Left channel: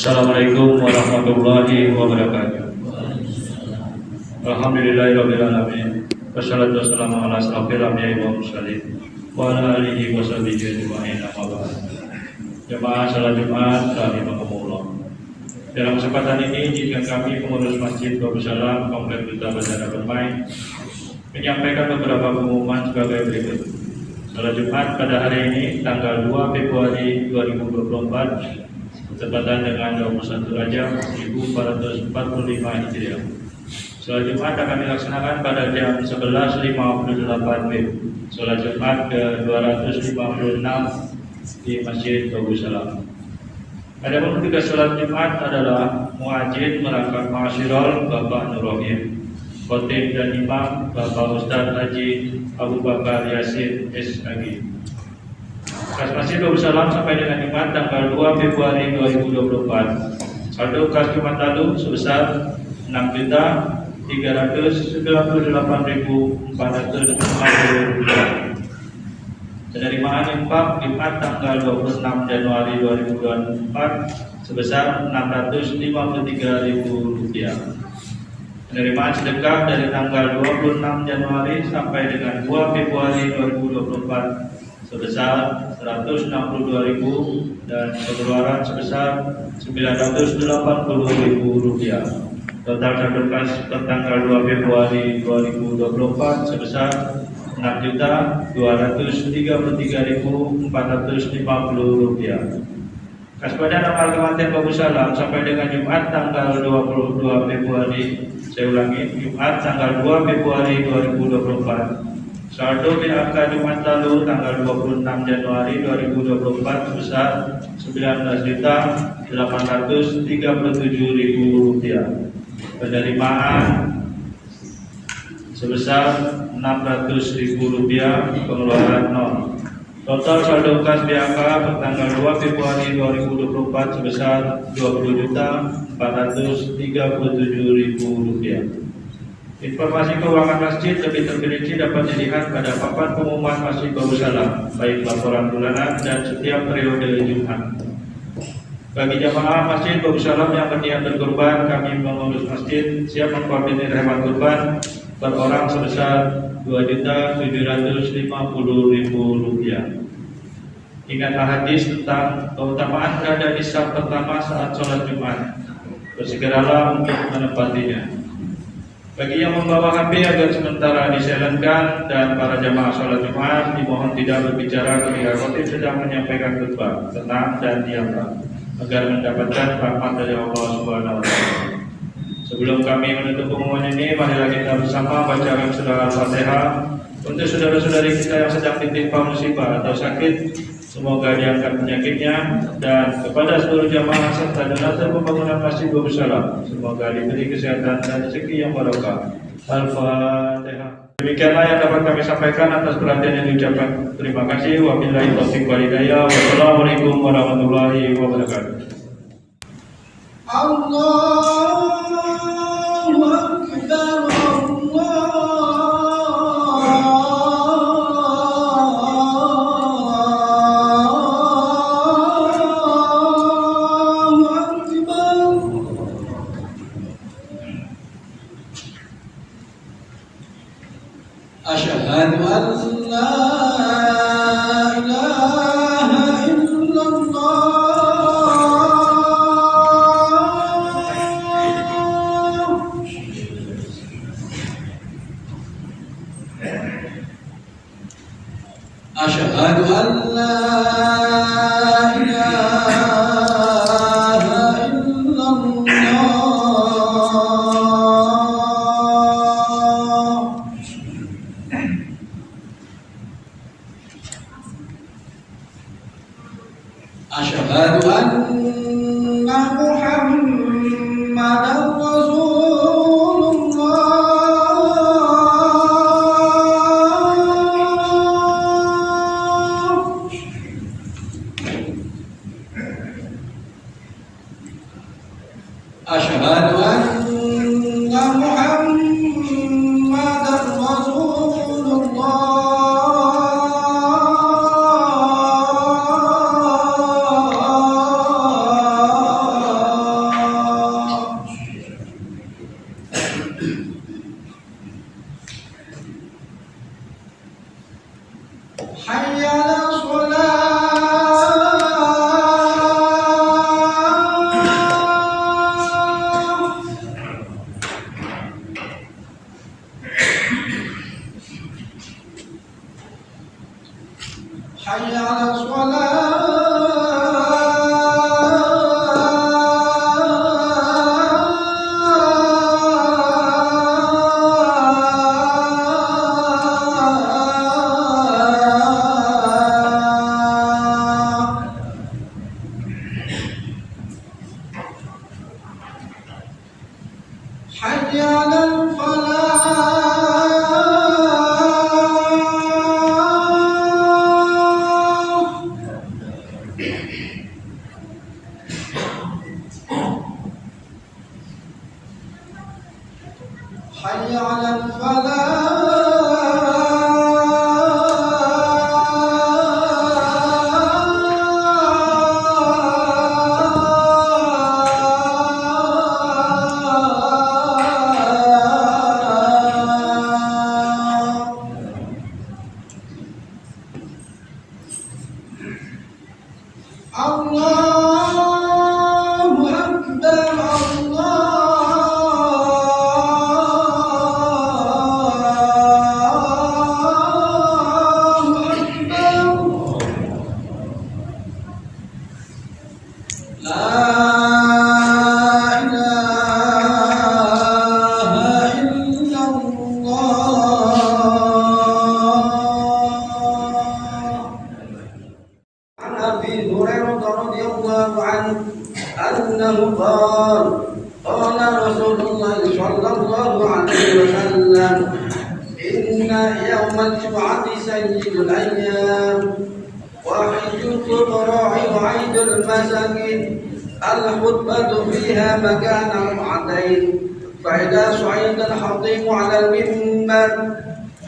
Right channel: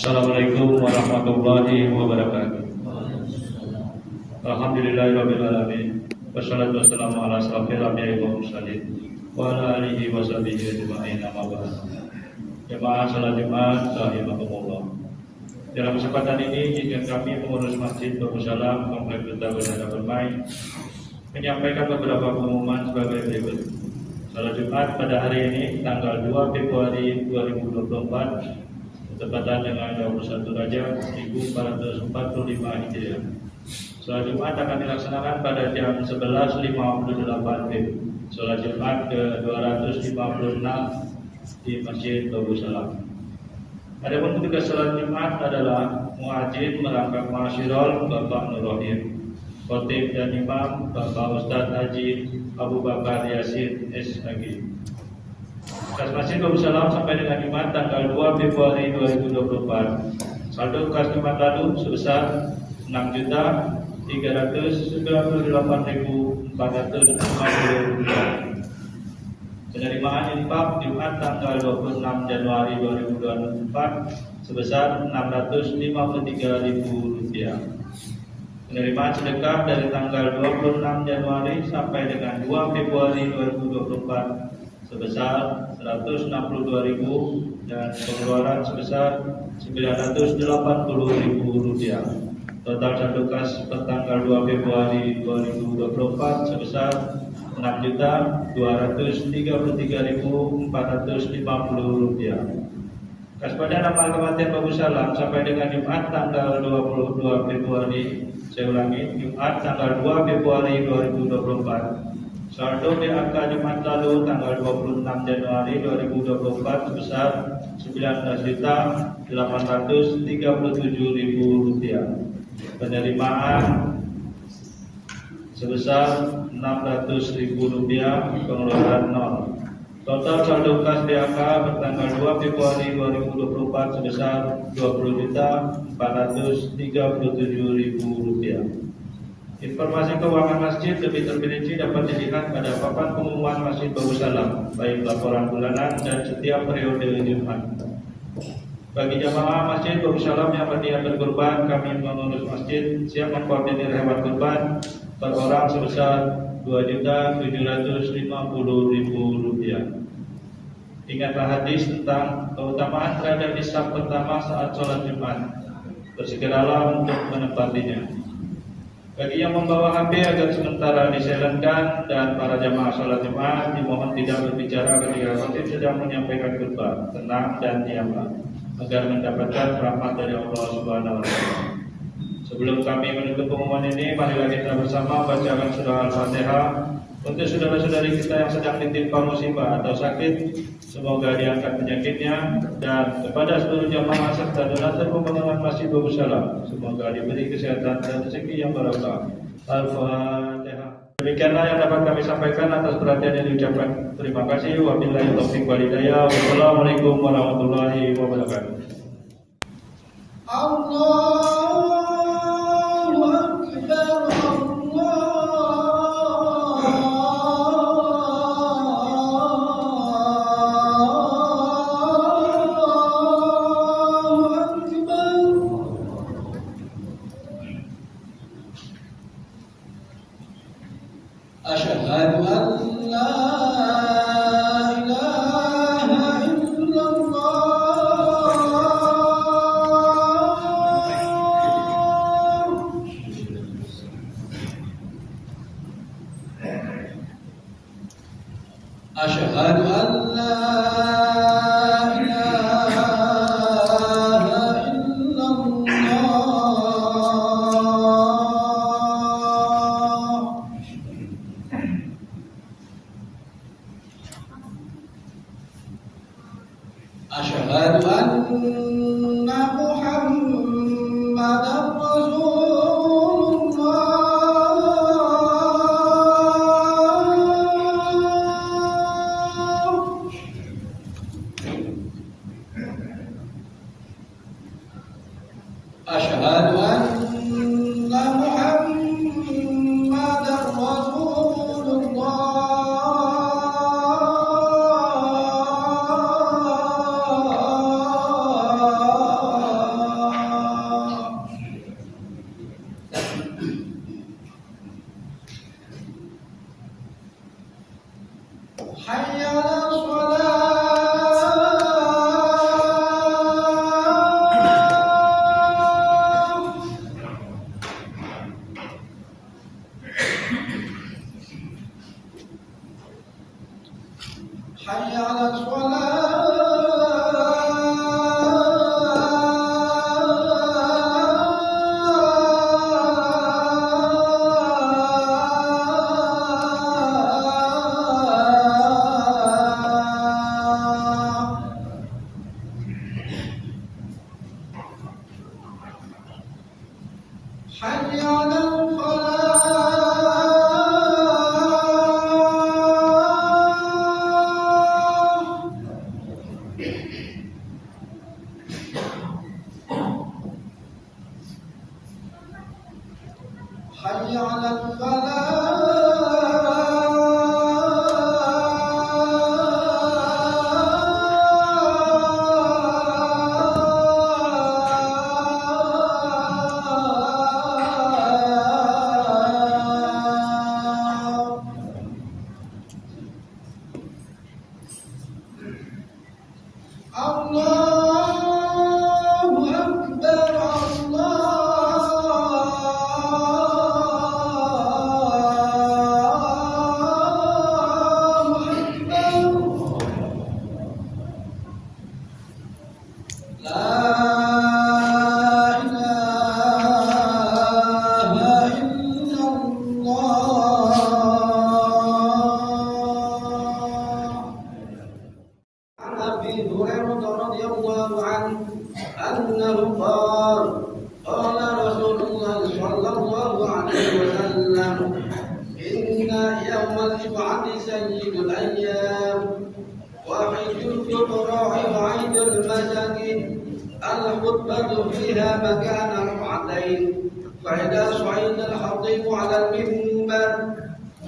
Assalamualaikum warahmatullahi wabarakatuh. Alhamdulillahirabbil alamin. Wassalatu wassalamu ala asrofil anbiya'i wal mursalin wa ala alihi wa sahbihi ajma'in. Amma ba'd. Jemaah salat Jumat rahimakumullah. Dalam kesempatan ini izinkan kami pengurus Masjid Babus Salam Komplek Duta Bandara Permai menyampaikan beberapa pengumuman sebagai berikut. Salat Jumat pada hari ini tanggal 2 Februari 2024 bertepatan dengan 21 Rajab 1445 Hijriah. Salat Jumat akan dilaksanakan pada jam 11.58 WIB. Salat Jumat ke-256 di Masjid Babus Salam. Adapun tugas salat Jumat adalah muadzin merangkap ma'asyiral Bapak Nur Rahim, khotib dan imam Bapak Ustaz Haji Abu Bakar Yasin SAG. Kas Masjid Babus Salam sampai dengan Jumat tanggal 2 Februari 2024. Saldo kas Jumat lalu sebesar 6.398.450 rupiah. Penerimaan infak Jumat tanggal 26 Januari 2024 sebesar 653.000 rupiah. Penerimaan sedekah dari tanggal 26 Januari sampai dengan 2 Februari 2024 sebesar 162.000 dan pengeluaran sebesar 980.000 rupiah. Total saldo kas per tanggal 2 Februari 2024 sebesar 6.233.450 rupiah. Kas badan amal Kabupaten Babus Salam sampai dengan Jumat tanggal 22 Februari, saya ulangi, Jumat tanggal 2 Februari 2024. Saldo BAK Jumat lalu tanggal 26 Januari 2024 sebesar 19.837.000 rupiah. Penerimaan sebesar 600.000 rupiah, pengeluaran nol. Total saldo kas BAK per tanggal 2 Februari 2024 sebesar 20.437.000 rupiah. Informasi keuangan masjid lebih terperinci dapat dilihat pada papan pengumuman Masjid Babus Salam, baik laporan bulanan dan setiap periode Jumat. Bagi jamaah Masjid Babus Salam yang berniat berkurban, kami pengurus masjid siap mengkoordinir hewan kurban per orang sebesar Rp2.750.000. Ingatlah hadis tentang keutamaan berada di saf pertama saat sholat Jumat. Bersegeralah untuk menepatinya. Bagi yang membawa HP agar sementara disilentkan, dan para jamaah sholat Jumat dimohon tidak berbicara ketika khotib sedang menyampaikan khutbah. Tenang dan diamlah agar mendapatkan rahmat dari Allah Subhanahu wa taala. Sebelum kami menutup pengumuman ini, marilah kita bersama bacakan surah Al-Fatihah untuk saudara-saudari kita yang sedang ditimpa musibah atau sakit, semoga diangkat penyakitnya, dan kepada seluruh jamaah serta donatur pembangunan Masjid Babus Salam, semoga diberi kesehatan dan rezeki yang barokah. Al-Fatihah. Demikianlah yang dapat kami sampaikan atas perhatian yang diucapkan. Terima kasih. Wabillahi taufiq wal hidayah. Wassalamualaikum warahmatullahi wabarakatuh. Allahu Akbar. Asyhadu an la ilaha illallah. Asyhadu an la Asyhadu anna Muhammadar Rasulullah. حي على الصلاة. حي على الفلاح. حي على الفلاح. الله أكبر الله أكبر. لا إله إلا الله. عن أبي هريرة رضي الله عنه أنه قال قال رسول الله صلى الله عليه وسلم إن يوم الجمعة سيد الأيام وحج الفقراء وعيد المساكين الخطبة فيها مكان ركعتين فإذا صعد الخطيب على المنبر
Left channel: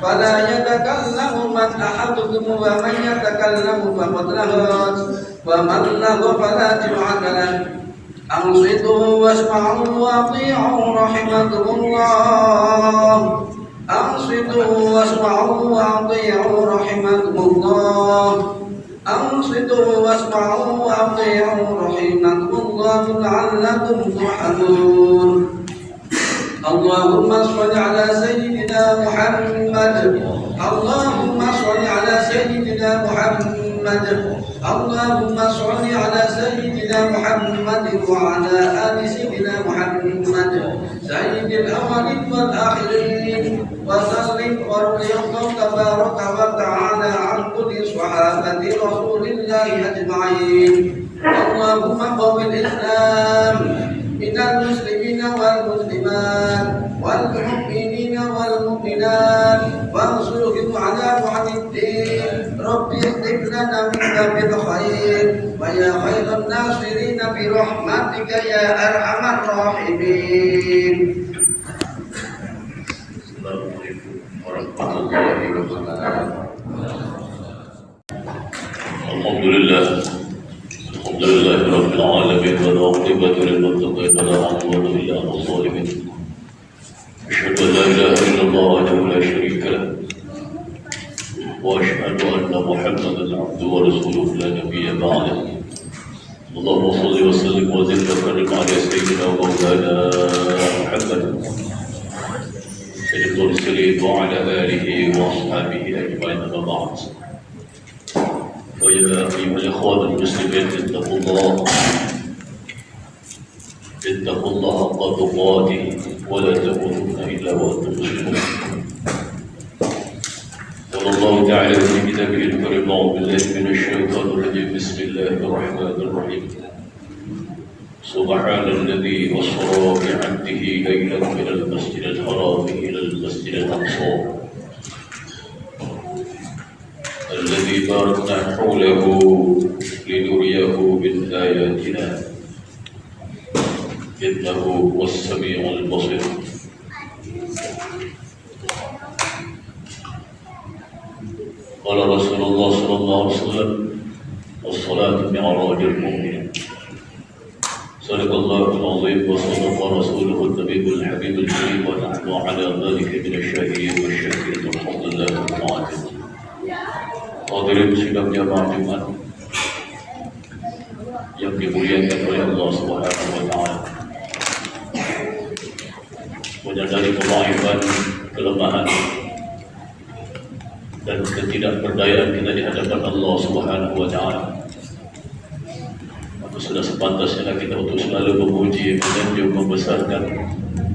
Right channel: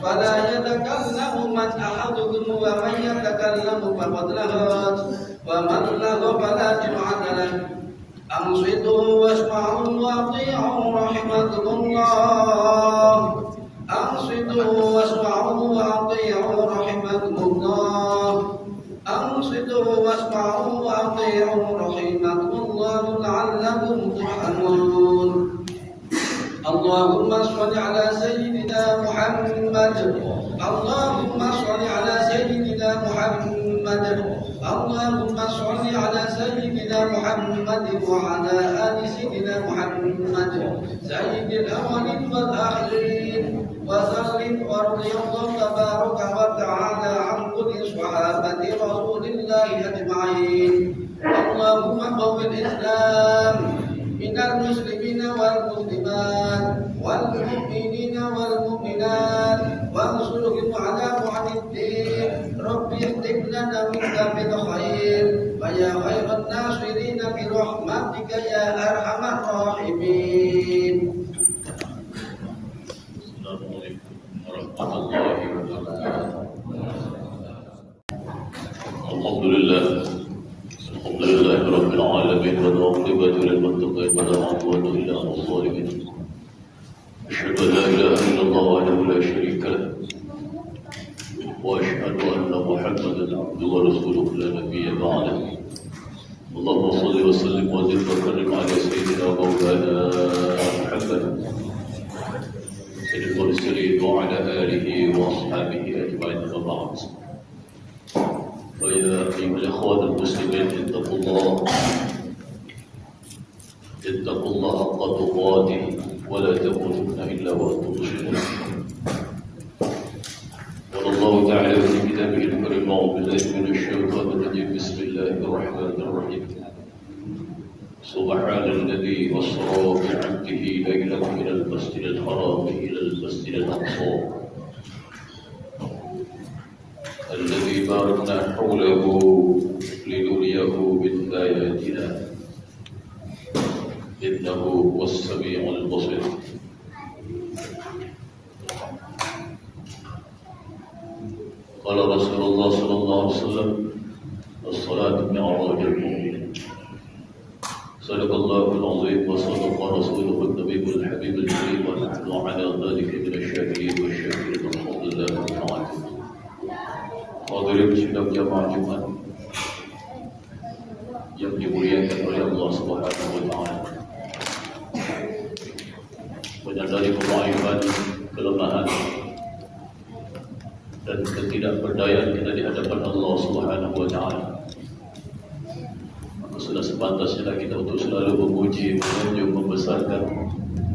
فلا يتكلم من أحدكم ومن يتكلم فقد لغت ومن لغو فلا جمعة له. أنصتوا واسمعوا وأطيعوا رحمكم الله. أنصتوا واسمعوا وأطيعوا رحمكم الله. أنصتوا واسمعوا وأطيعوا رحمكم الله لعلكم ترحمون. اللهم صل على سيدنا محمد. اللهم صل على سيدنا محمد. اللهم صل على سيدنا محمد وعلى آل سيدنا محمد سيد الأولين والآخرين وسلم ورضي الله تبارك وتعالى عن كل صحابة رسول الله أجمعين. اللهم قوي الإسلام من المسلمين والمسلمات والمؤمنين والمؤمنات وانصرهم على بعد الدين. رب اختم لنا منك بالخير ويا خير الناصرين برحمتك يا أرحم الراحمين. السلام عليكم ورحمة الله وبركاته. الحمد لله رب العالمين والعاقبة للمتقين ولا عدوان إلا على الظالمين. أشهد أن لا إله إلا الله وحده لا شريك له وأشهد أن محمدا عبده ورسوله لا نبي بعده. اللهم صل وسلم وزد وكرم على سيدنا ومولانا محمد سيد المرسلين وعلى آله وأصحابه أجمعين. أما بعد فيا أيها الإخوان المسلمين اتقوا الله حق تقاته ولا تموتن إلا وأنتم مسلمون. قال الله تعالى في كتابه الكريم أعوذ بالله من الشيطان الرجيم بسم الله الرحمن الرحيم. سبحان الذي أسرى بعبده ليلا من المسجد الحرام إلى المسجد الأقصى الذي باركنا حوله لنريه من آياتنا إنه هو السميع البصير. قال رسول الله صلى الله عليه وسلم الصلاة معراج المؤمن. صدق الله العظيم وصدق رسوله النبي الحبيب الكريم ونحن على ذلك من الشاهدين والشاكرين الحمد لله رب العالمين. Hadirin sidang jamaah Jumat yang dimuliakan oleh Allah Subhanahu wa taala. Menyadari kemaifan, kelemahan dan ketidakberdayaan kita di hadapan Allah Subhanahu wa Ta'ala. Maka sudah sepantasnya kita untuk selalu memuji, menyanjung, membesarkan,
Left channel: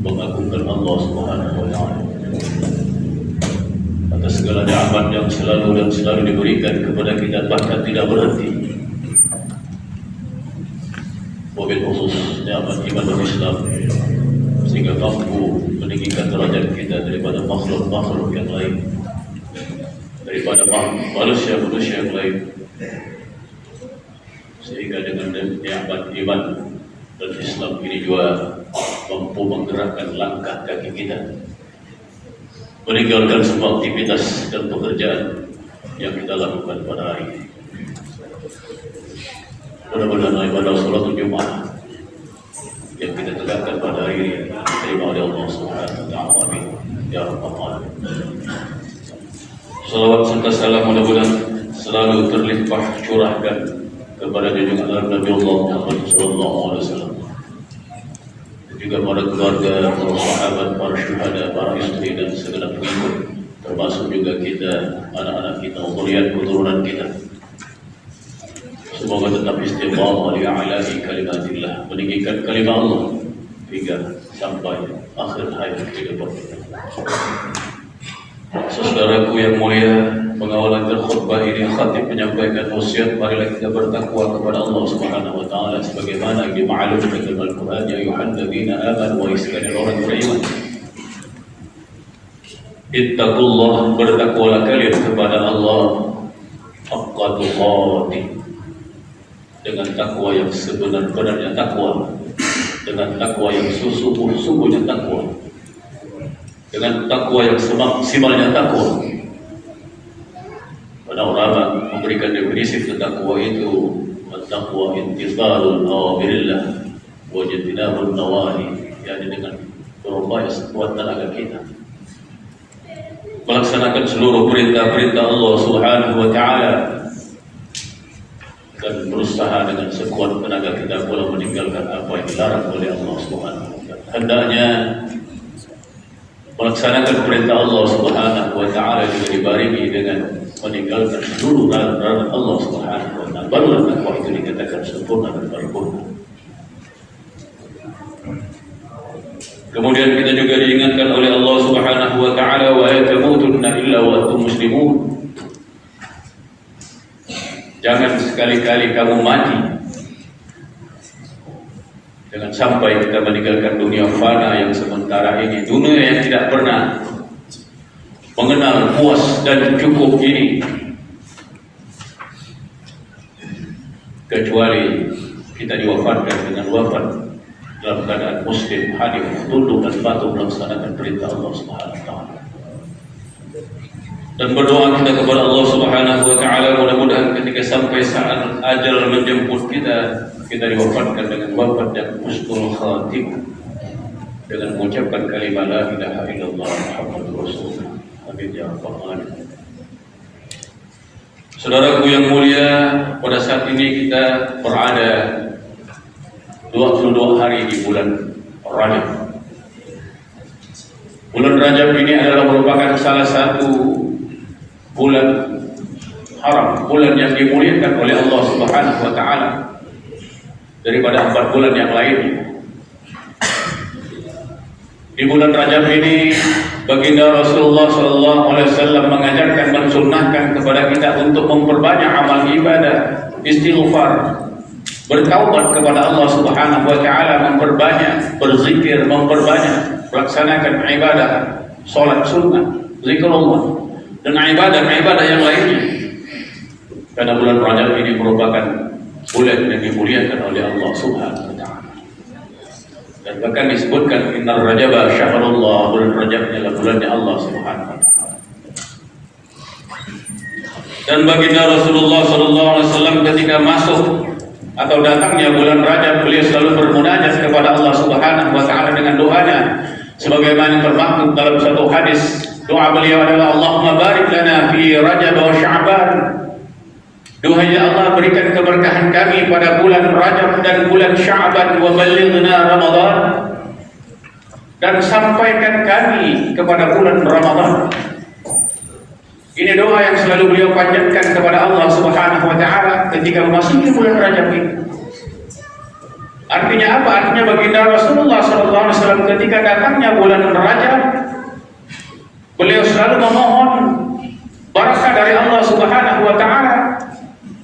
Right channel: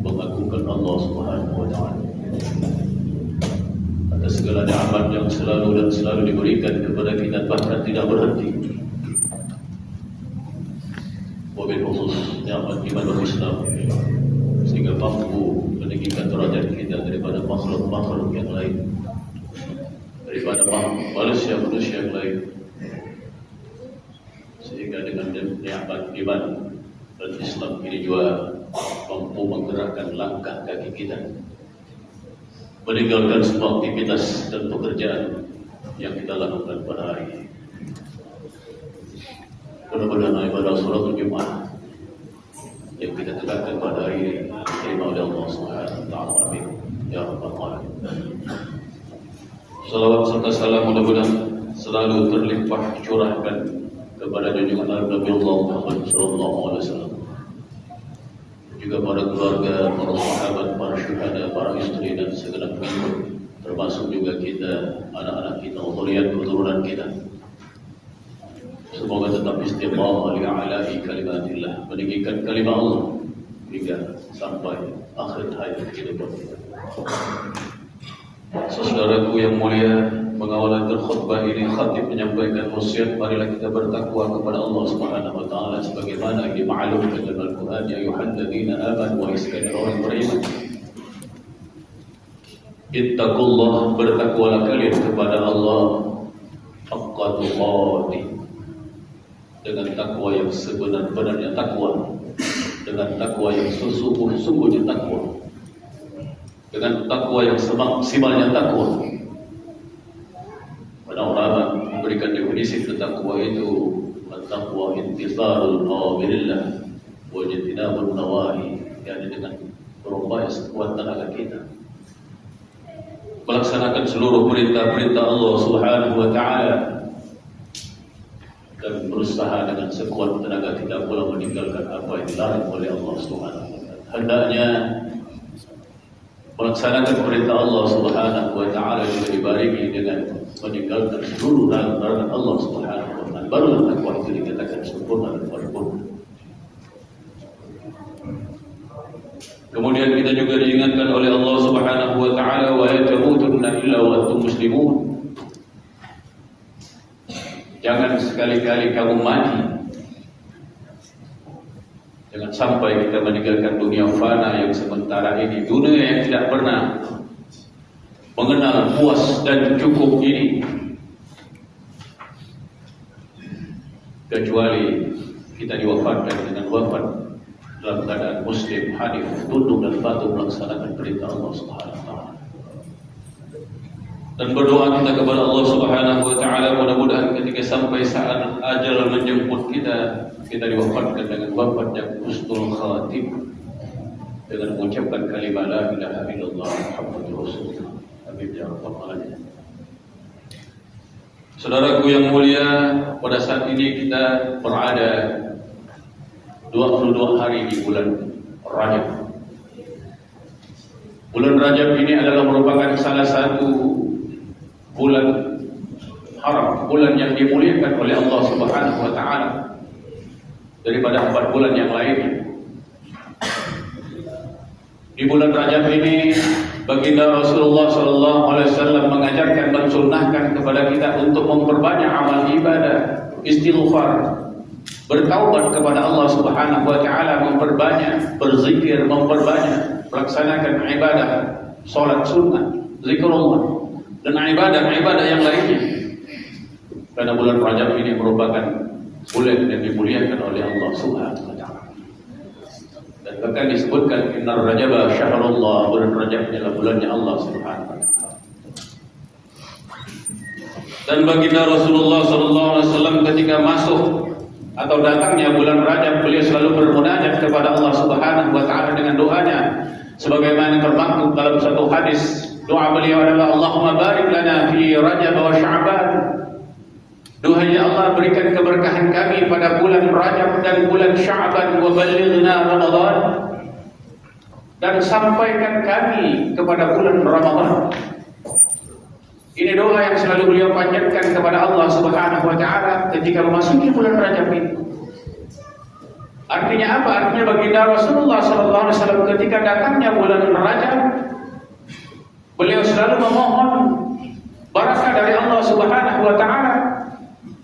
mengagungkan Allah Subhanahu wa Ta'ala atas segala nikmat yang selalu diberikan kepada kita, bahkan tidak berhenti. Wabil khusus nikmat iman dan Islam, sehingga mampu meninggikan derajat kita daripada makhluk-makhluk yang lain, daripada manusia-manusia yang lain, sehingga dengan nikmat iman dan Islam ini juga mampu menggerakkan langkah kaki kita, meninggalkan semua aktivitas dan pekerjaan yang kita lakukan pada hari ini. Mudah-mudahan ibadah salat Jumat yang kita tegakkan pada hari ini diterima oleh Allah Subhanahu wa Ta'ala. Amin ya rabbal alamin. Salawat serta salam mudah-mudahan selalu terlimpah curahkan kepada junjungan Nabi Allah Muhammad sallallahu alaihi wasallam, juga para keluarga, para sahabat, para syuhada, para istri dan segenap pengikut, termasuk juga kita, anak-anak kita, zuriat keturunan kita. Semoga tetap istiqamah li a'la'i kalimatillah, meninggikan kalimat Allah hingga sampai akhir hayat kehidupan kita. Saudaraku yang mulia, mengawal akhir khutbah ini khatib menyampaikan wasiat, marilah kita bertakwa kepada Allah Subhanahu wa Ta'ala sebagaimana yang dimaklumkan dalam Al-Quran, ya ayyuhalladzina amanu, wa sekalian orang beriman, ittaqullah, bertakwalah kalian kepada Allah haqqa tuqatih, dengan takwa yang sebenar-benarnya takwa, dengan takwa yang sungguh-sungguhnya takwa, dengan takwa yang semaksimalnya takwa. Para ulama memberikan definisi tentang takwa itu, at-taqwa intizarul awamirillah wa ijtinabun nawahi, yakni dengan berupaya sekuat tenaga kita melaksanakan seluruh perintah-perintah Allah Subhanahu wa Ta'ala, dan berusaha dengan sekuat tenaga kita pula meninggalkan apa yang dilarang oleh Allah Subhanahu wa Ta'ala. Hendaknya melaksanakan perintah Allah Subhanahu wa Ta'ala juga dibarengi dengan meninggalkan seluruh larangan Allah Subhanahu wa Ta'ala. Barulah takwa itu dikatakan sempurna dan paripurna. Kemudian kita juga diingatkan oleh Allah Subhanahu wa Ta'ala, wa la tamutunna illa wa antum muslimun. Jangan sekali-kali kamu mati, jangan sampai kita meninggalkan dunia fana yang sementara ini, dunia yang tidak pernah mengenal puas dan cukup ini, kecuali kita diwafatkan dengan wafat dalam keadaan muslim, hadir, tunduk dan patuh melaksanakan perintah Allah Subhanahu wa Ta'ala. Dan berdoa kita kepada Allah Subhanahu wa Ta'ala, mudah-mudahan ketika sampai saat ajal menjemput kita, kita diwafatkan dengan wafat yang husnul khatimah, dengan mengucapkan kalimat la ilaha illallah Muhammadur Rasulullah. Amin ya rabbal alamin. Saudaraku yang mulia, pada saat ini kita berada 22 hari di bulan Rajab. Bulan Rajab ini adalah merupakan salah satu bulan haram, bulan yang dimuliakan oleh Allah Subhanahu wa Ta'ala daripada 4 bulan yang lainnya. Di bulan Rajab ini baginda Rasulullah SAW mengajarkan, mensunnahkan kepada kita untuk memperbanyak amal ibadah, istighfar, bertaubat kepada Allah Subhanahu wa Ta'ala, memperbanyak berzikir, memperbanyak melaksanakan ibadah, salat sunnah, zikrullah, dan ibadah-ibadah yang lainnya. Karena bulan Rajab ini merupakan bulan yang dimuliakan oleh Allah Subhanahu wa Ta'ala. Dan bahkan disebutkan innar Rajaba syahrullah, bulan Rajab adalah bulannya Allah Subhanahu wa Ta'ala. Dan baginda Rasulullah SAW ketika masuk atau datangnya bulan Rajab, beliau selalu bermunajat kepada Allah Subhanahu wa Ta'ala dengan doanya, sebagaimana termaktub dalam satu hadis. Doa beliau adalah, Allahumma barik lana fi Rajab wa Sya'ban. Duhai Allah, berikan keberkahan kami pada bulan Rajab dan bulan Sya'ban, wa ballighna Ramadan, dan sampaikan kami kepada bulan Ramadan. Ini doa doa yang selalu beliau panjatkan kepada Allah Subhanahu wa taala ketika memasuki bulan Rajab ini. Artinya apa? Artinya baginda Rasulullah SAW ketika datangnya bulan Rajab, beliau selalu memohon barakah dari Allah Subhanahu wa taala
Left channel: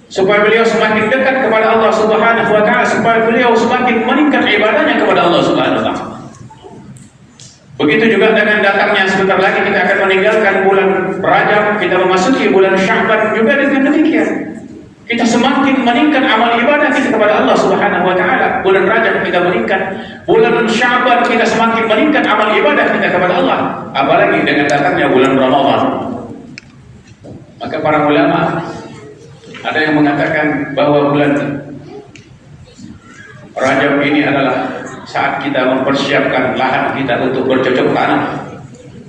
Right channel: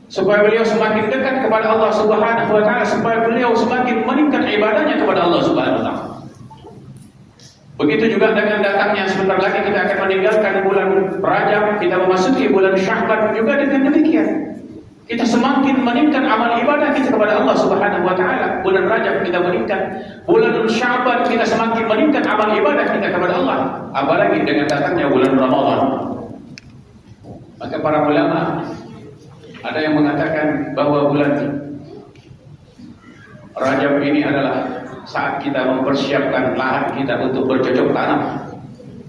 supaya beliau semakin dekat kepada Allah Subhanahu wa taala, supaya beliau semakin meningkat ibadahnya kepada Allah Subhanahu wa taala. Begitu juga dengan datangnya sebentar lagi kita akan meninggalkan bulan Rajab, kita memasuki bulan Sya'ban juga dengan demikian. Kita semakin meningkat amal ibadah kita kepada Allah Subhanahu wa taala. Bulan Rajab kita meningkat, bulan Sya'ban kita semakin meningkat amal ibadah kita kepada Allah. Apalagi dengan datangnya bulan Ramadan. Maka para ulama ada yang mengatakan bahwa bulan Rajab ini adalah saat kita mempersiapkan lahan kita untuk bercocok tanam.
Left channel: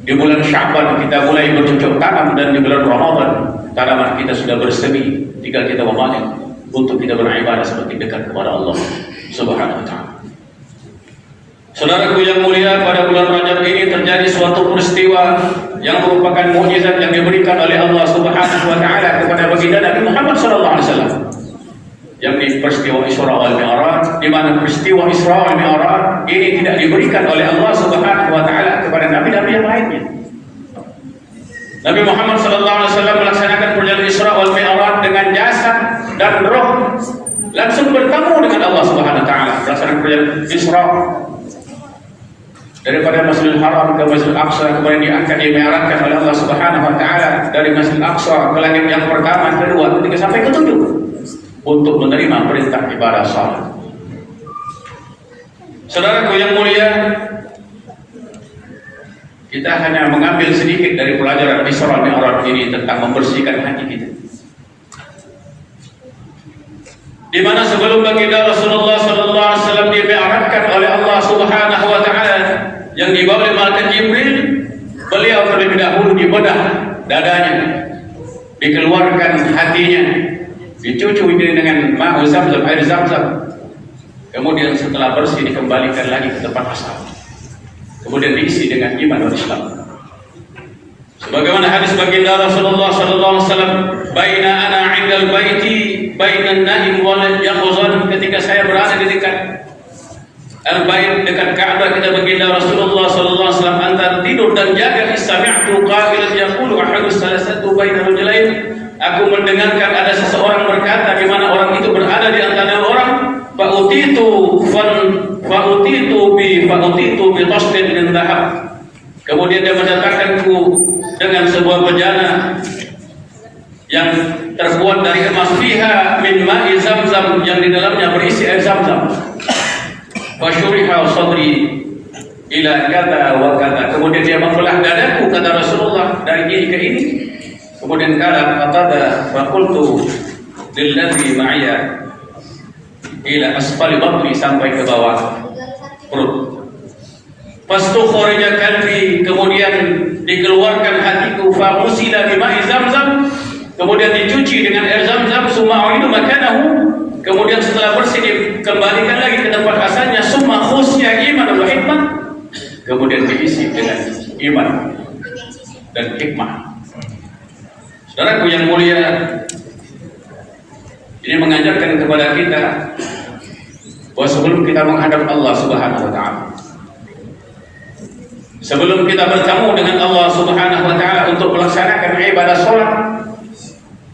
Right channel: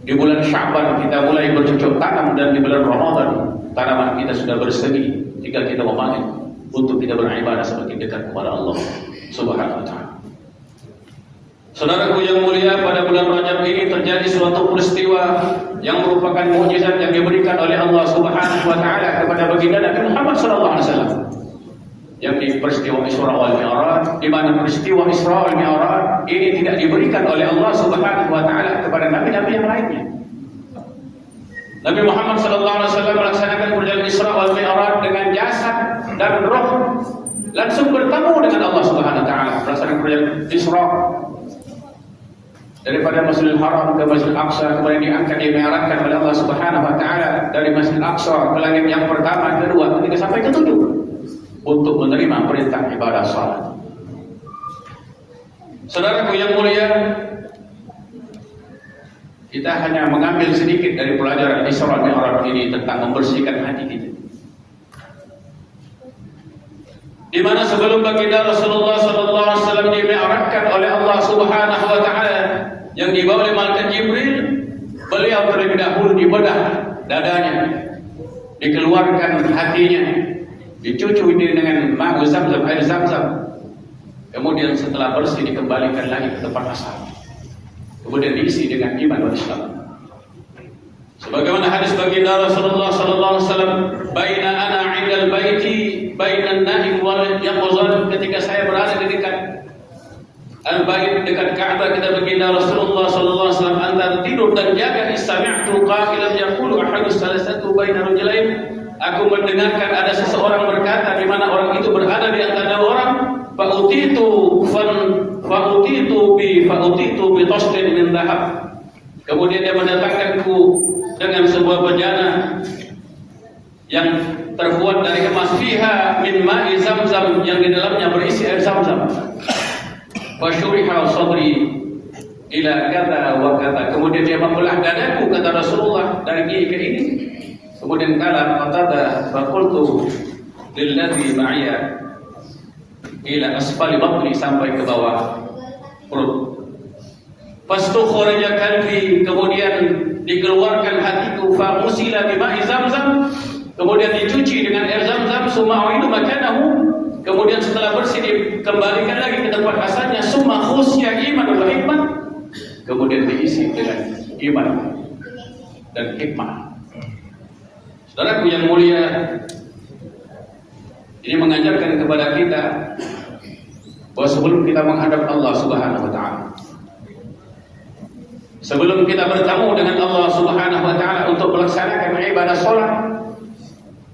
Di bulan Sya'ban kita mulai bercocok tanam, dan di bulan Ramadan tanaman kita sudah bersemi, tinggal kita memanen untuk kita beribadah semakin dekat kepada Allah Subhanahu wa taala. Saudaraku yang mulia, pada bulan Rajab ini terjadi suatu peristiwa yang merupakan mukjizat yang diberikan oleh Allah Subhanahu wa taala kepada baginda Nabi Muhammad sallallahu alaihi wasallam. Yakni peristiwa Isra wal Mi'raj, di mana peristiwa Isra wal Mi'raj ini tidak diberikan oleh Allah Subhanahu wa taala kepada nabi-nabi yang lainnya. Nabi Muhammad SAW melaksanakan perjalanan Isra wal Mi'raj dengan jasad dan roh, langsung bertemu dengan Allah Subhanahu wa taala. Melaksanakan perjalanan Isra daripada Masjidil Haram ke Masjidil Aqsa, kemudian diangkat, dimi'rajkan oleh Allah Subhanahu wa taala dari Masjidil Aqsa ke langit yang pertama, kedua, ketiga sampai ketujuh untuk menerima perintah ibadah salat. Saudaraku yang mulia, kita hanya mengambil sedikit dari pelajaran Isra Mi'raj ini tentang membersihkan hati kita. Di mana sebelum baginda Rasulullah SAW dimi'rajkan oleh Allah Subhanahu wa taala yang dibawa oleh malaikat Jibril, beliau terlebih dahulu dibedah dadanya, dikeluarkan hatinya, dicuci dengan ma'u Zamzam, air Zamzam. Kemudian setelah bersih dikembalikan lagi ke tempat asal. Kemudian diisi dengan iman dan Islam. Sebagaimana hadis baginda Rasulullah SAW, "Baina ana 'indal baiti, baina an-naim wal yaqzan." Ketika saya berada di dekat Al-Bait, dekat Ka'bah, kata baginda Rasulullah SAW, antara tidur dan jaga, sami'tu qailan yaqulu ahadu salasatu baina rajulain. Aku mendengarkan ada seseorang berkata, di mana orang itu berada di antara orang, fa'utitu bi tasdid min dhahab. Kemudian dia mendatangkanku dengan sebuah bejana yang terbuat dari emas, fiha min ma'i Zamzam, yang di dalamnya berisi air Zamzam. Fasyuriha sadri ila kata wa kata. Kemudian dia membelah dadaku, kata Rasulullah, dari ini ke ini. Kemudian kala qatada faqultu lilladzi ma'iya ila asfali batni, sampai ke bawah perut. Fastukhrija qalbi, kemudian dikeluarkan hatiku, faqusila bima'i Zamzam, kemudian dicuci dengan air Zamzam, summa uidu makanahu, kemudian setelah bersih dikembalikan lagi ke tempat asalnya, summa khusya iman wa hikmah, kemudian diisi dengan iman dan hikmah. Saudaraku yang mulia, ini mengajarkan kepada kita bahwa sebelum kita menghadap Allah Subhanahu wa taala, sebelum kita bertemu dengan Allah Subhanahu wa taala untuk melaksanakan ibadah salat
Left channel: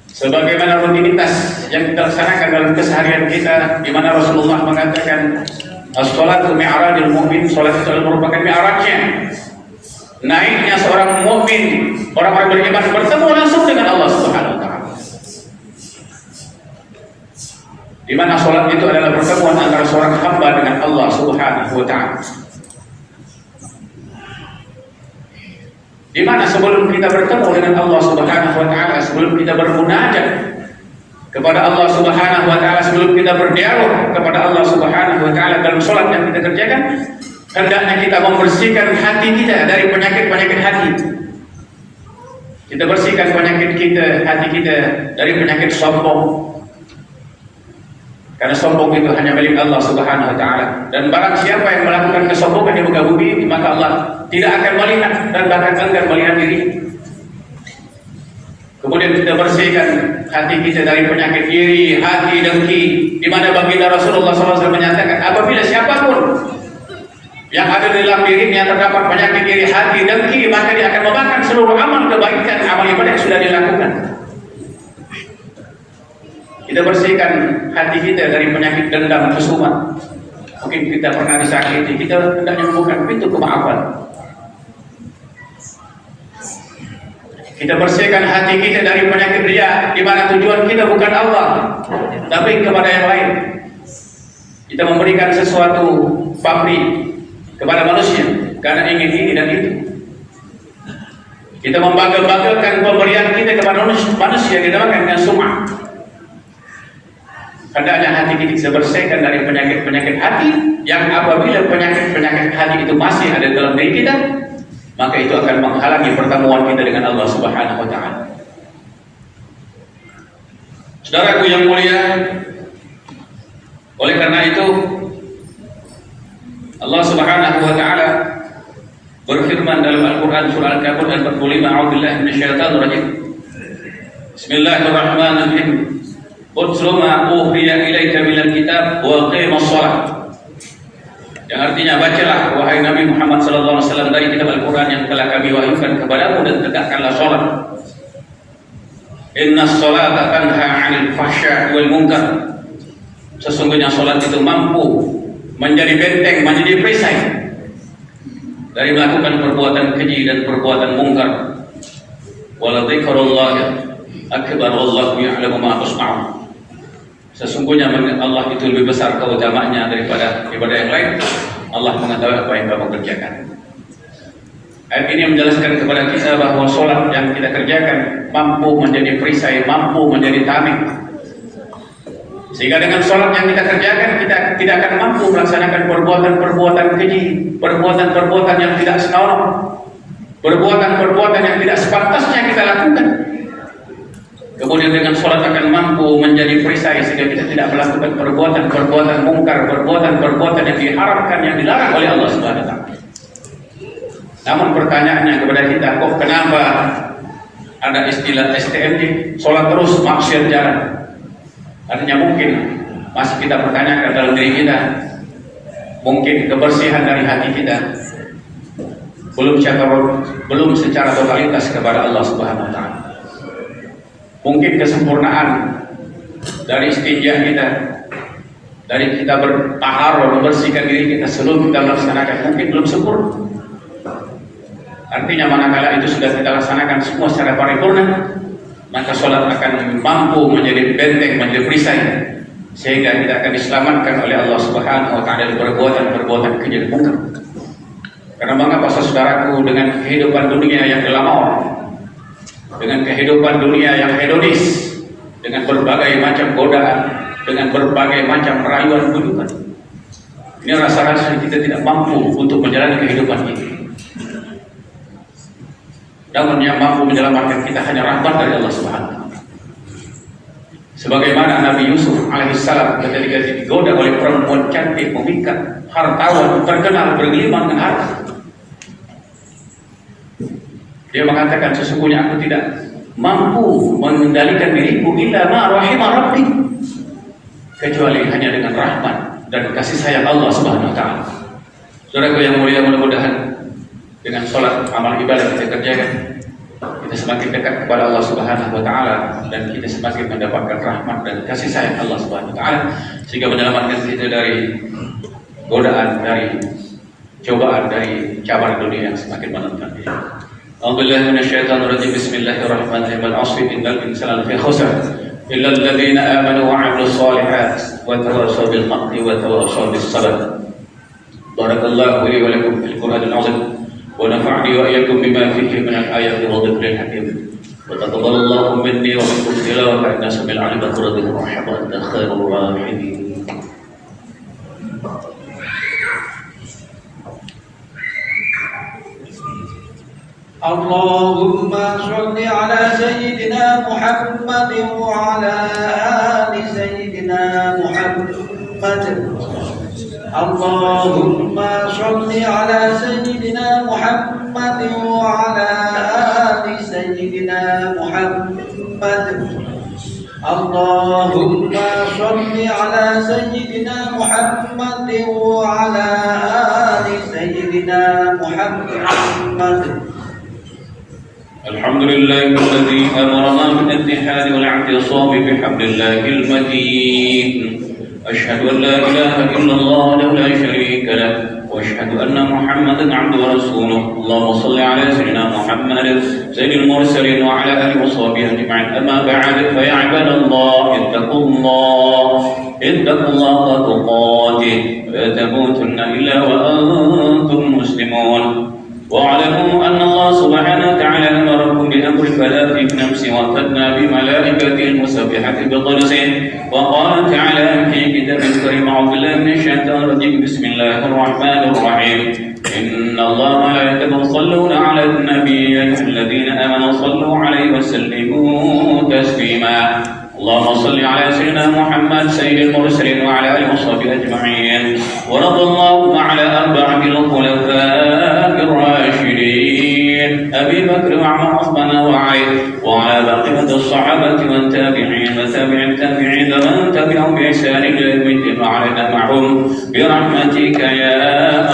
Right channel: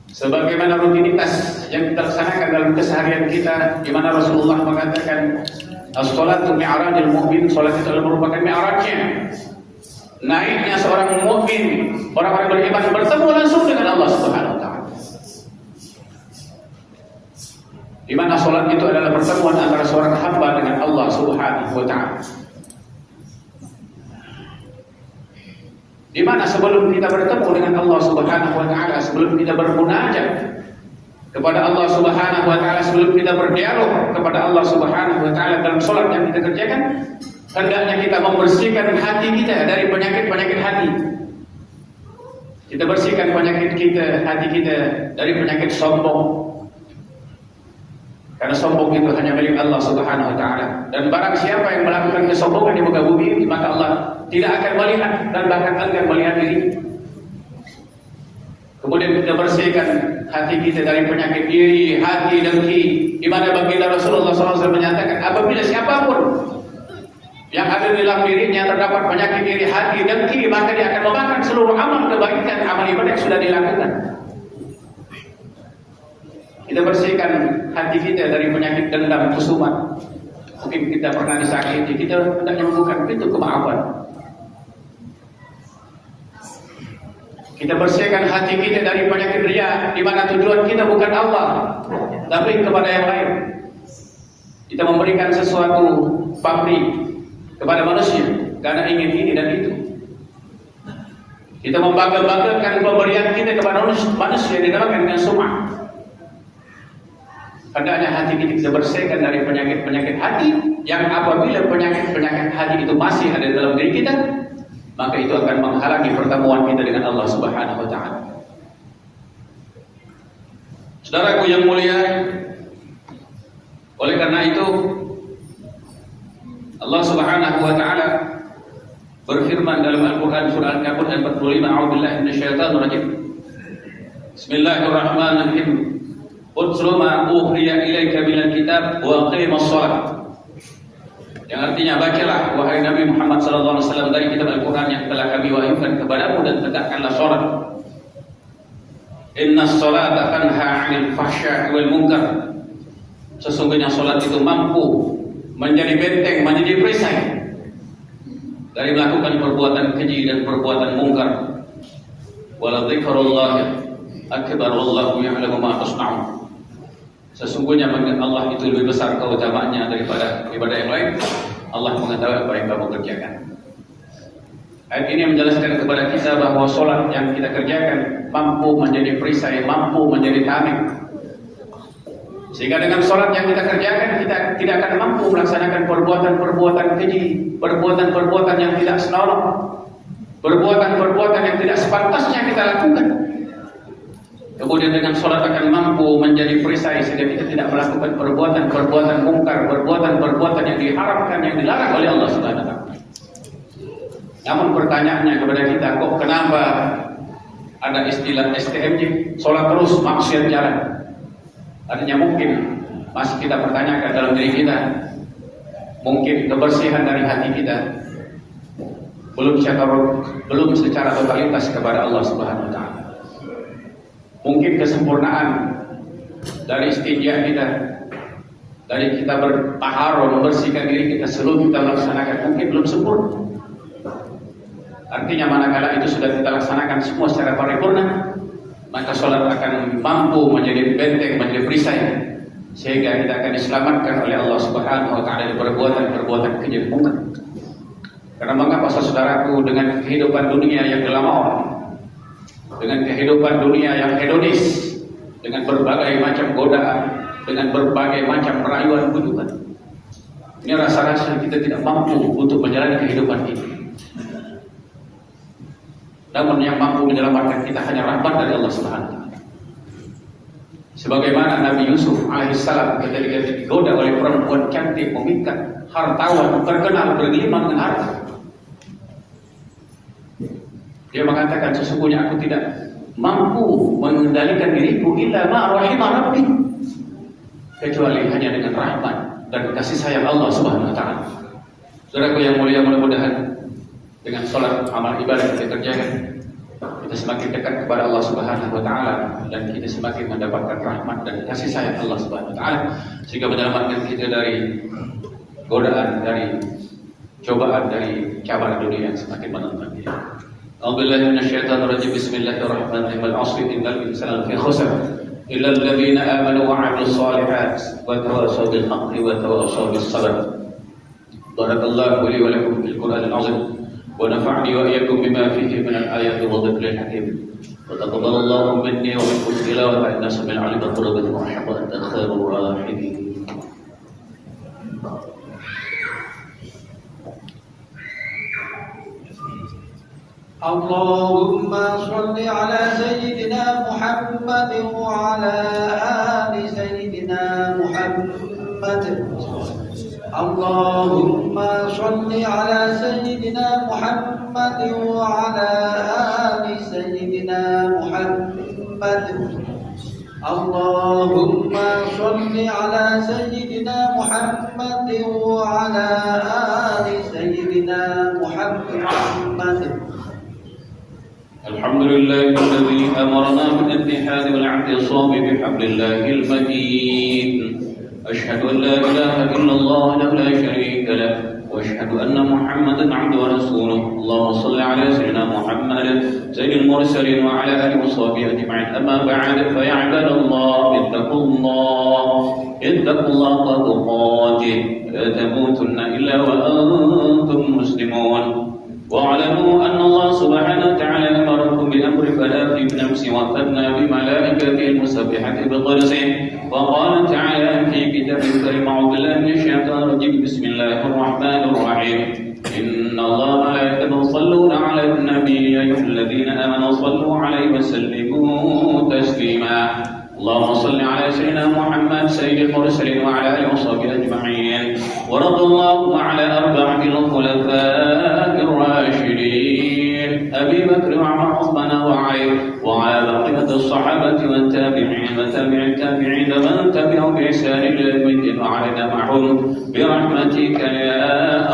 sebagaimana rutinitas yang kita laksanakan dalam keseharian kita, di mana Rasulullah mengatakan as-salatu mi'rajul mu'min, salat itu merupakan mi'rajnya, naiknya seorang mukmin, orang-orang beriman bertemu langsung dengan Allah Subhanahu wa taala. Di mana salat itu adalah pertemuan antara seorang hamba dengan Allah Subhanahu wa taala. Di mana sebelum kita bertemu dengan Allah Subhanahu wa taala, sebelum kita bermunajat kepada Allah Subhanahu wa taala, sebelum kita berdialog kepada Allah Subhanahu wa taala dalam salat yang kita kerjakan, hendaknya kita membersihkan hati kita dari penyakit-penyakit hati. Kita bersihkan penyakit kita, hati kita dari penyakit sombong. Karena sombong itu hanya milik Allah Subhanahu wa taala. Dan barang siapa yang melakukan kesombongan di muka bumi ini, maka Allah tidak akan melihat dan bahkan enggan melihat diri. Kemudian kita bersihkan hati kita dari penyakit iri, hati dengki, di mana baginda Rasulullah SAW menyatakan apabila siapapun yang ada di dalam dirinya terdapat penyakit iri, hati dengki, maka dia akan memakan seluruh amal kebaikan, amal ibadah yang sudah dilakukan. Kita bersihkan hati kita dari penyakit dendam, kesumat. Mungkin kita pernah disakiti, kita tidak menemukan pintu kemaafan. Kita bersihkan hati kita dari penyakit riya, di mana tujuan kita bukan Allah, tapi kepada yang lain. Kita memberikan sesuatu pamrih kepada manusia karena ingin ini dan itu. Kita membangga-banggakan pemberian kita kepada manusia, dinamakan dengan sum'ah. Hendaknya hati kita dibersihkan dari penyakit-penyakit hati, yang apabila penyakit-penyakit hati itu masih ada dalam diri kita, maka itu akan menghalangi pertemuan kita dengan Allah Subhanahu wa Ta'ala. Saudaraku yang mulia, oleh karena itu Allah Subhanahu wa Ta'ala berfirman dalam Al-Quran surah Al-Kabir ayat 45, a'udzubillahi minasyaitonir rajim. Bismillahirrahmanirrahim. Utlu ma uhiya ilaika minal kitab wa aqimus shalah. Yang artinya, bacalah wahai Nabi Muhammad SAW dari kitab Al-Quran yang telah kami wahyukan kepadamu, dan tegakkanlah sholat. Inna sholata tanha 'anil fahsya'i wal munkar. Sesungguhnya sholat itu mampu menjadi benteng, menjadi perisai dari melakukan perbuatan keji dan perbuatan mungkar. Wala dzikrullahi akbar wallahu ya'lamu ma tasna'un. Sesungguhnya Allah itu lebih besar keutamaannya daripada ibadah yang lain. Allah mengetahui apa yang kamu kerjakan. Ayat ini menjelaskan kepada kita bahwa sholat yang kita kerjakan mampu menjadi perisai, mampu menjadi tameng. Sehingga dengan sholat yang kita kerjakan, kita tidak akan mampu melaksanakan perbuatan-perbuatan keji, perbuatan-perbuatan yang tidak senonoh, perbuatan-perbuatan yang tidak sepantasnya kita lakukan. Kemudian dengan sholat akan mampu menjadi perisai sehingga kita tidak melakukan perbuatan-perbuatan mungkar, perbuatan-perbuatan yang diharamkan, yang dilarang oleh Allah Subhanahu wa Ta'ala. Namun pertanyaannya kepada kita, kok kenapa ada istilah STMJ, sholat terus maksiat jalan? Artinya mungkin masih kita pertanyakan dalam diri kita, mungkin kebersihan dari hati kita belum secara totalitas kepada Allah Subhanahu wa Ta'ala. Mungkin kesempurnaan dari istinja kita, dari kita bertaharah, membersihkan diri kita sebelum kita melaksanakan, mungkin belum sempurna. Artinya manakala itu sudah kita laksanakan semua secara paripurna, maka sholat akan mampu menjadi benteng, menjadi perisai, sehingga kita akan diselamatkan oleh Allah Subhanahu wa Ta'ala dari perbuatan-perbuatan keji dan mungkar. Karena mengapa saudaraku, dengan kehidupan dunia yang glamor, dengan kehidupan dunia yang hedonis, dengan berbagai macam godaan, dengan berbagai macam rayuan bujukan, ini rasa-rasa kita tidak mampu untuk menjalani kehidupan ini. Namun yang mampu menyelamatkan kita hanya rahmat dari Allah Subhanahu wa Ta'ala. Sebagaimana Nabi Yusuf alaihissalam ketika digoda oleh perempuan cantik, memikat, hartawan, terkenal bergelimang dengan harta, dia mengatakan, sesungguhnya aku tidak mampu mengendalikan diriku illa ma rahimah rabbi, kecuali hanya dengan rahmat dan kasih sayang Allah Subhanahu wa Ta'ala. Saudaraku yang mulia, mudah-mudahan dengan sholat, amal ibadah kita kerjakan, kita semakin dekat kepada Allah Subhanahu wa Ta'ala, dan kita semakin mendapatkan rahmat dan kasih sayang Allah Subhanahu wa Ta'ala, sehingga menyelamatkan kita dari godaan, dari cobaan, dari cabar dunia yang semakin menentang diri. A'udzubillahi minasyaitonir rajim. Bismillahirrahmanirrahim. Al-'asri innal insana lafi khusr illa alladziina aamanu wa 'amilus shalihaati wa tawassaw bil haqqi wa tawassaw bis sabr. Barakallahu li wa lakum fil Qur'anil 'azim wa nafa'ani wa iyyakum bima fihi min al-ayati wa dhikril hakim. Wa taqabbalallahu minni wa minkum tilawata innahu samii'un 'aliim. Radhiyallahu anhu anta khairur rahimin. اللهم صل على سيدنا محمد وعلى آل سيدنا محمد. اللهم صل على سيدنا محمد محمد وعلى آل سيدنا محمد. اللهم صل على سيدنا محمد وعلى آل سيدنا محمد. الحمد لله الذي أمرنا بالاتحاد والاعتصام بحبل الله المتين. أشهد أن لا إله إلا الله وحده لا شريك له، وأشهد أن محمدا عبده ورسوله. اللهم صل على سيدنا محمد سيد المرسلين وعلى آله وصحبه أجمعين. أما بعد، فيا عباد الله اتقوا الله حق تقاته ولا تموتن إلا وأنتم مسلمون. واعلموا أن الله سبحانه وتعالى أمركم بأمر فلا في نفس وثنى بملائكته المسبحة بقدسه. وقال تعالى في كتاب الكريم: أعوذ بالله من الشيطان الرجيم، بسم الله الرحمن الرحيم. إن الله وملائكته يصلون على النبي، يا أيها الذين آمنوا صلوا عليه وسلموا تسليما. اللهم صل على سيدنا محمد سيد المرسلين وعلى آله وصحبه أجمعين. ورضى الله على أربعة الخلفاء الراشدين أبي بكر وعمر وعثمان وعلي، وعلى بقية الصحابة والتابعين وتابع التابعين ومن تبعهم بإحسان إلى يوم الدين وعلينا معهم برحمتك يا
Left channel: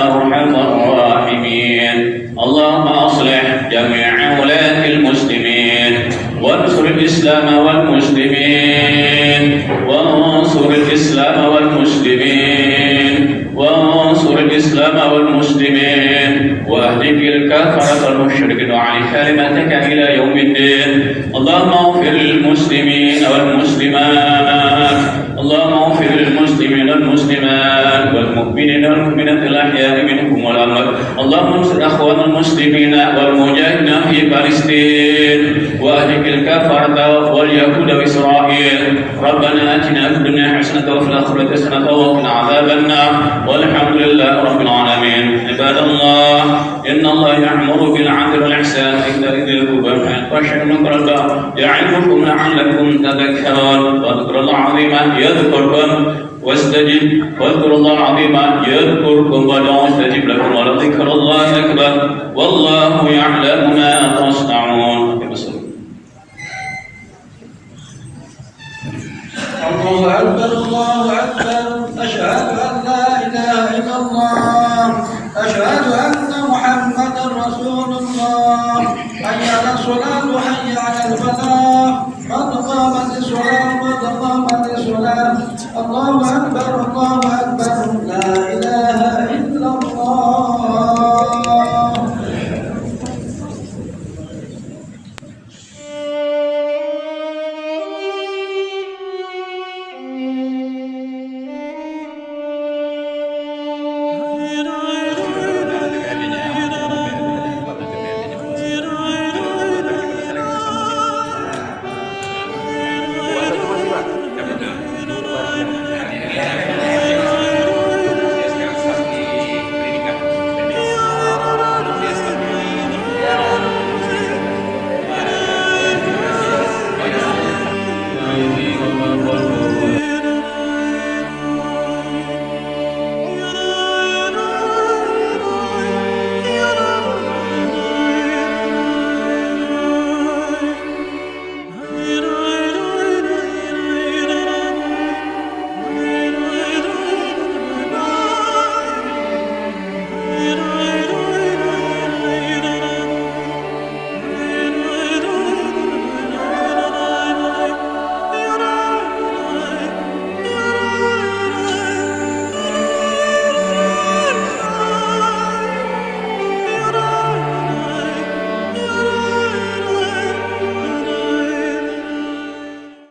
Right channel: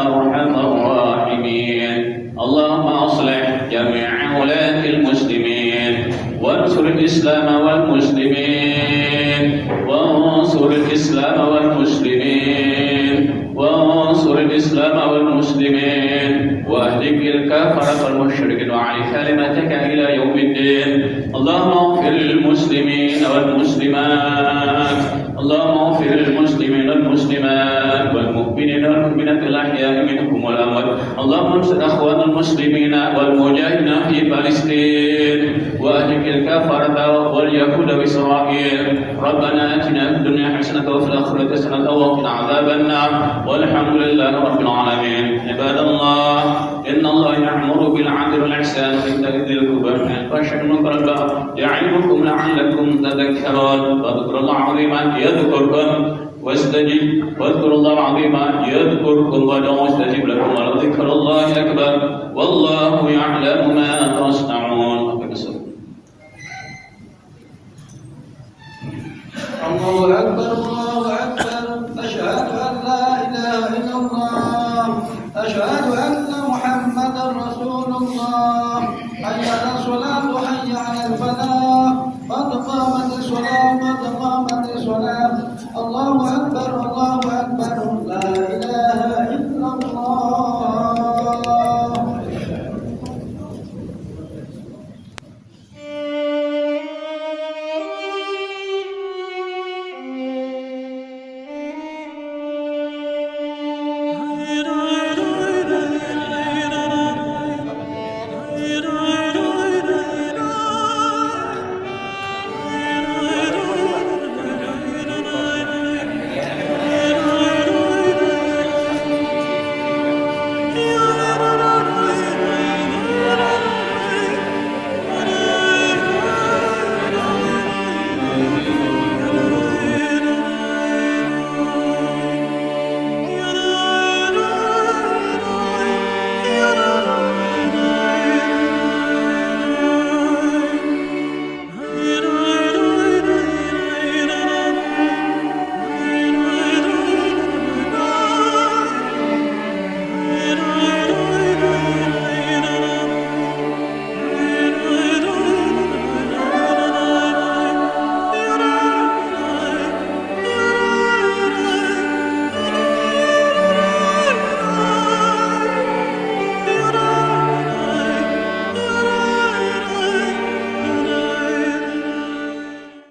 أرحم الراحمين. اللهم أصلح جميع ولاة المسلمين، وانصر الإسلام والمسلمين، وانصر الإسلام والمسلمين، وانصر الإسلام والمسلمين، واهدك الكفرة والمشركين وعلي كلمتك إلى يوم الدين. اللهم اغفر للمسلمين والمسلمات، اللهم اغفر للمسلمين والمسلمات والمؤمنين والمؤمنات الأحياء منهم والأموات. اللهم انصر أخوان المسلمين والمجاهدين في فلسطين، واهلك الكفرة واليهود وإسرائيل. ربنا آتنا في الدنيا حسنة وفي الآخرة حسنة وقنا عذاب النار، والحمد لله رب العالمين. عباد الله، إن الله يأمر بالعدل والإحسان وإيتاء ذي القربى واليتامى والمنكر والبغي يعظكم لعلكم تذكرون. واذكروا الله عظيما يذكركم واذكروا الله عظيما يذكركم وادعوه يستجب لكم، ولذكر الله أكبر والله يعلم ما تصنعون.